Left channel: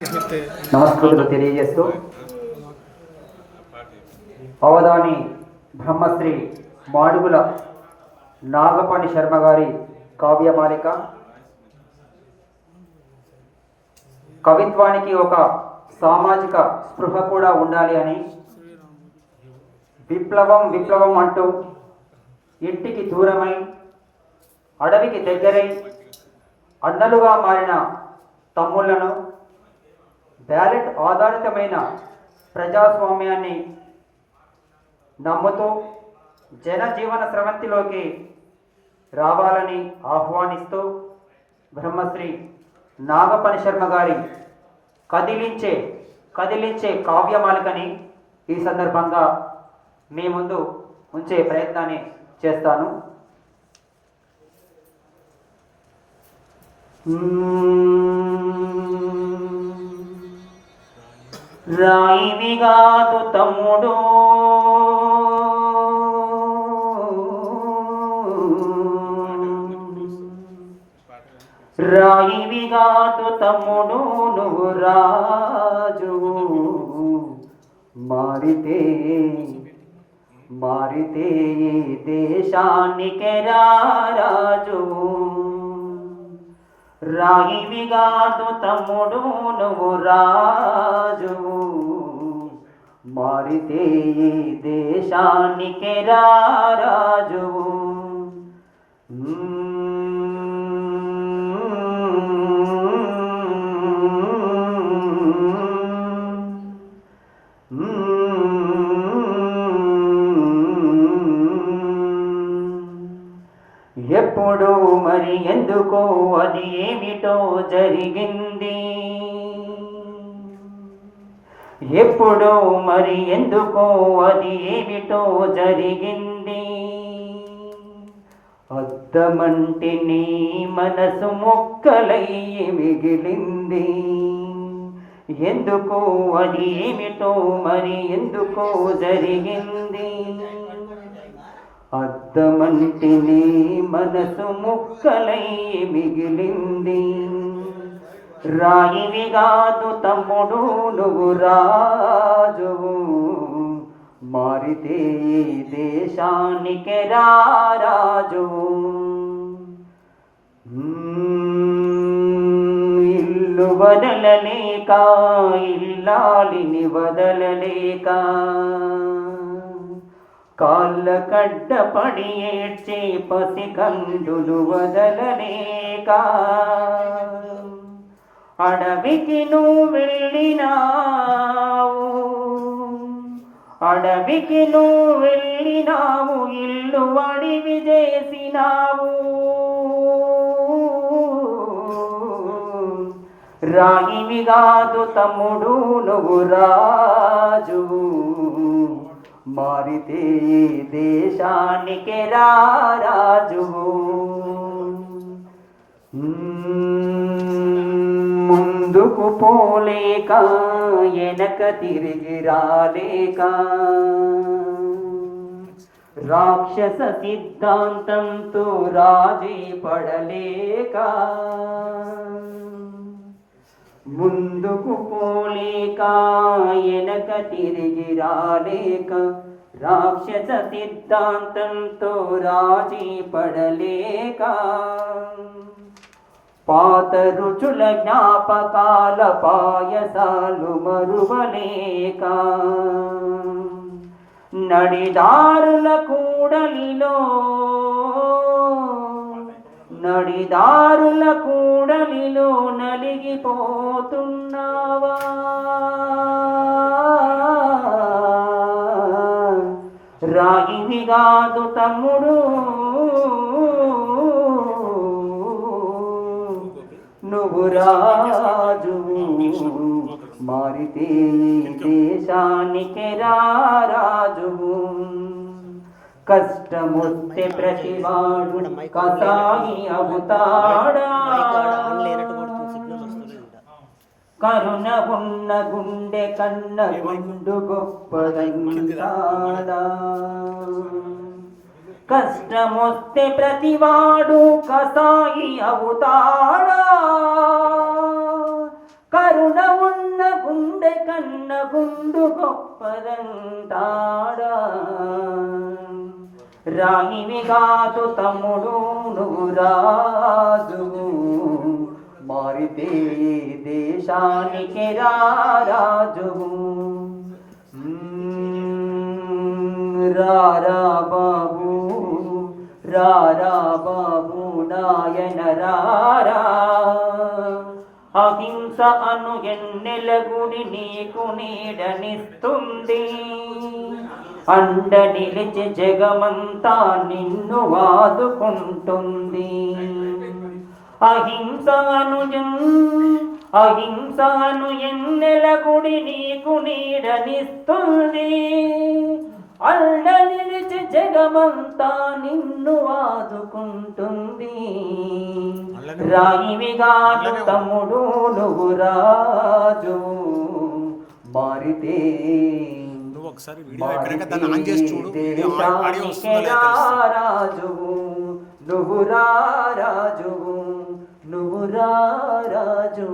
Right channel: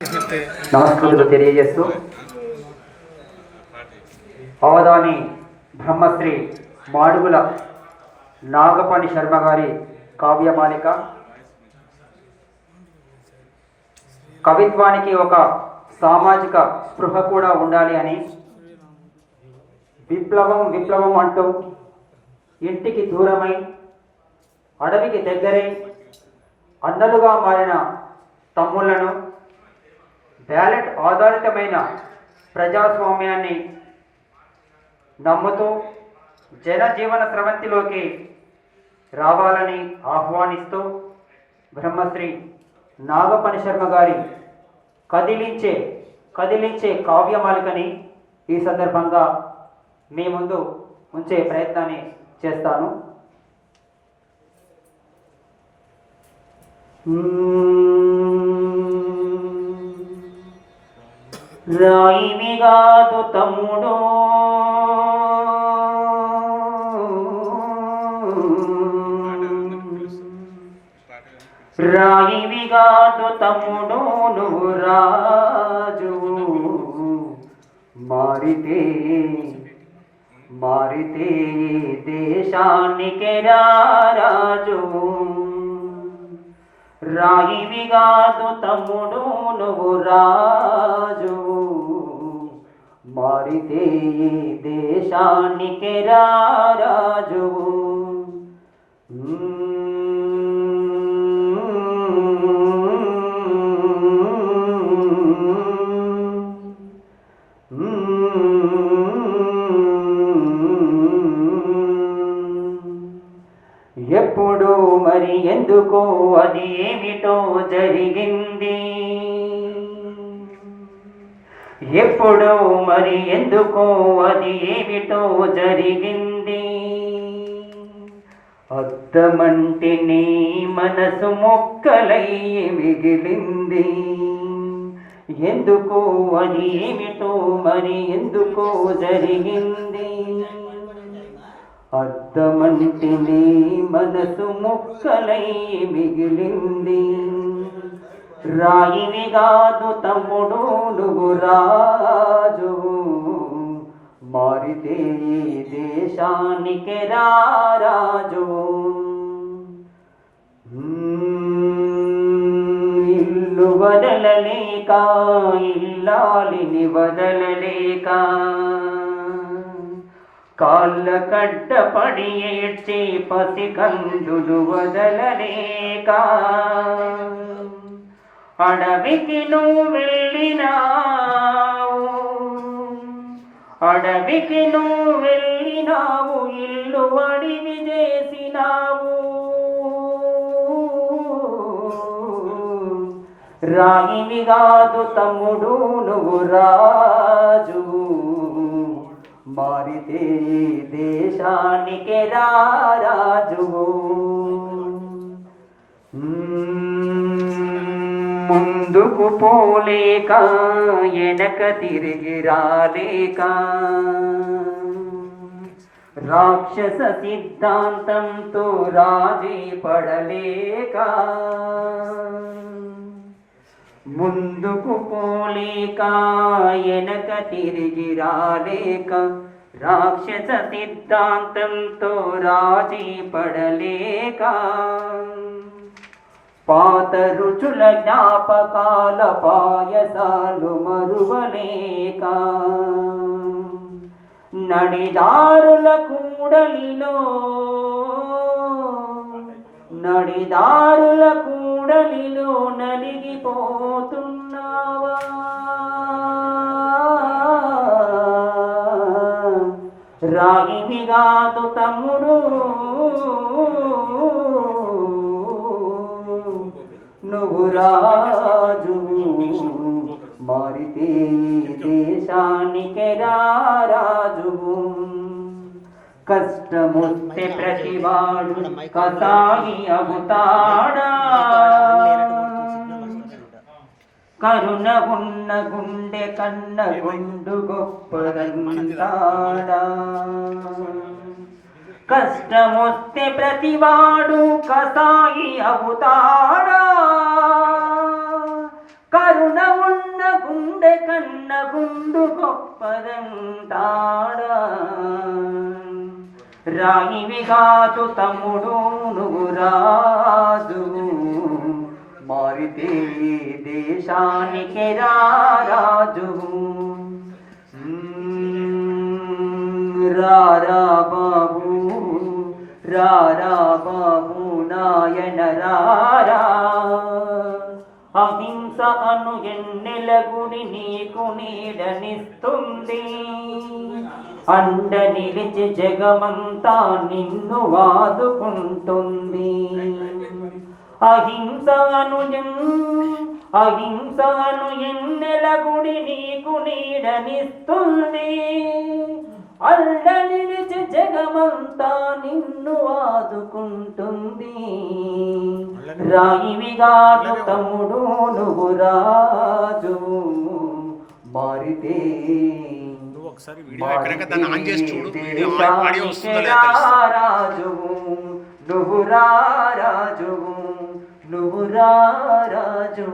నమస్కారాలు తెలియజేస్తూ అవధాని బ్రహ్మశ్రీ మాడుగుల నాగపాణి శర్మ గారి కావ్యమాలిక. కవిత్వానికి ఒక సామాజిక స్పృహ కూడా ఉండాలి అని విప్లవం విప్లవం అంటూ ఇంటికి దూరమై అడవికి దగ్గరై అన్నలుగా మారిన తమ్ముళ్లను బ్యాలెట్ ఆధారితమైన ప్రజాస్వామ్యాన్ని నమ్ముతూ జనజీవన స్రవంతిలోకి రావాలని ఆహ్వానిస్తూ బ్రహ్మశ్రీ నాగపాణి శర్మ గారి కదిలించే కావ్యమాలికని ఈ సందర్భంగా మీ ముందు ఉంచే ప్రయత్నాన్ని చేస్తాను. రాయివిగాదు తమ్ముడు రాయివిగాదు తమ్ముడు నువ్వు రాజు మారితే దేశానికి రాజు. రాయివిగాదు తమ్ముడు నువ్వు రాజు మారితే దేశానికి రాజు. ఎప్పుడు మరి ఎందుకో అది ఏమిటో జరిగింది, ఎప్పుడు మరి ఎందుకో అది ఏమిటో జరిగింది. అద్దమంటి నీ మనసు మొక్కలై మిగిలింది, ఎందుకో అది ఏమిటో మరి ఎందుకో జరిగింది. అద్దమంటి నీ మనసు ముక్కలై మిగిలింది. రాయివిగాదు తమ్ముడు నువ్వు రాజు మారితే దేశానికి రాజు. ఇల్లు వదలలేక ఇల్లాలిని వదలలేక కాళ్ళ కడ్డ పడి ఏడ్చే పసికందులు వదలలేక అడవికి నువ్వు వెళ్ళినావు, అడవికి నువ్వు వెళ్ళినావు, ఇల్లు అడివి చేసినావు. రాయివిగాదు తమ్ముడు నువ్వు రాజు మారితే దేశానికి రాజు. ముందుకు పోలేక వెనక తిరిగి రాలేక రాక్షస సిద్ధాంతంతో రాజీ పడలేక, ముందుకు పోలేక వెనక తిరిగి రాలేక రాక్షస సిద్ధాంతంతో రాజీ పడలేక, పాత రుచుల జ్ఞాపకాల పాయసాలు మరువలేక, నడిదారుల కూడలిలో నలిగిపోతున్నావా. రాయివిగాదు తమ్ముడు నువ్వు రాజు మారితే దేశానికి రాజు. కష్టమొస్తే ప్రతివాడు కసాయి అవుతాడా, కరుణ ఉన్న గుండె కన్న గుండు గొప్పదంటాడా. కష్టమొస్తే ప్రతివాడు కసాయి అవుతాడా, కరుణ ఉన్న గుండె కన్న గుండు గొప్పదంటాడా. రాయివి కాదు తమ్ముడు నువ్వు రాజు, మారితే దేశానికి రారాజు. రారా బాబు రారా బాబు నాయన రారా, అహింస అను ఎన్నెల గుడి నీకు నీడనిస్తుంది. అండ నిలిచి జగమంతా నిన్ను వాదుకుంటుంది. అహింసను ఎన్నెల గుడి నీకు నీడనిస్తుంది. అండ నిలిచి జగమంతా నిన్ను ఆదుకుంటుంది. రాయివిగా తమ్ముడు నువ్వు రాజు, మారితే రాజు, నువ్వు రారాజు, నువ్వు రారాజు.